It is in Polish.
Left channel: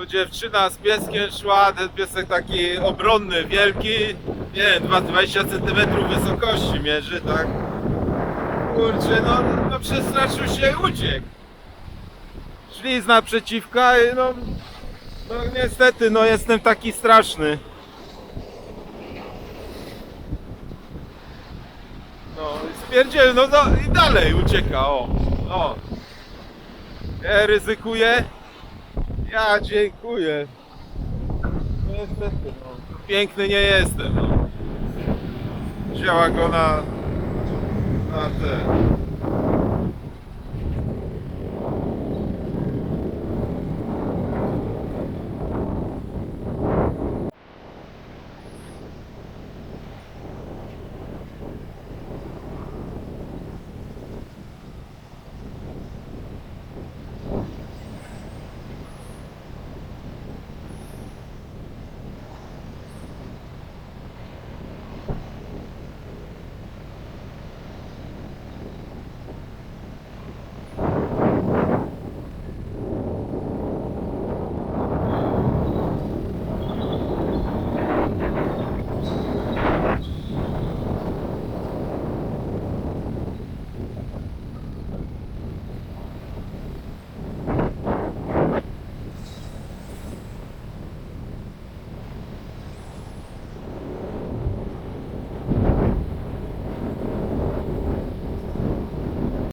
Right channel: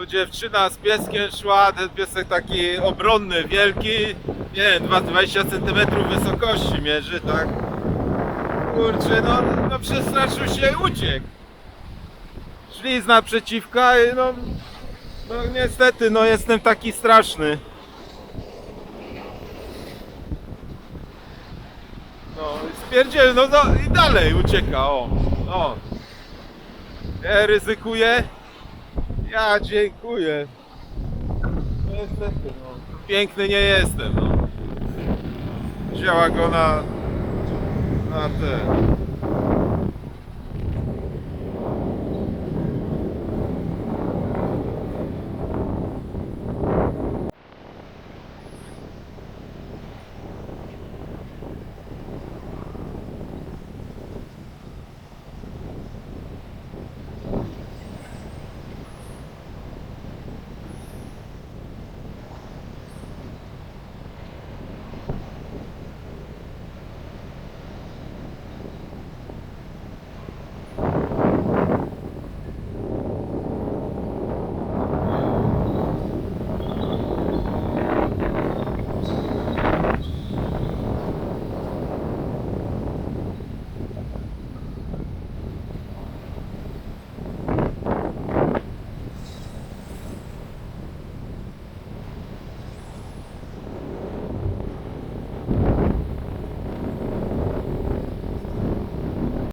Tu dziewczyna z pieskiem szła, ten piesek taki obronny, wielki, nie wiem, 20 cm wysokości mierzy, tak? Kurczę, no, no przestraszył się i uciekł. Szli z naprzeciwka i no, no niestety, no jestem taki straszny. No i spierdziel, no, no i dalej ucieka, o, o. Ja ryzykuję. Ja dziękuję. No Niestety, no. Piękny nie jestem, no. Wzięła go na... na te...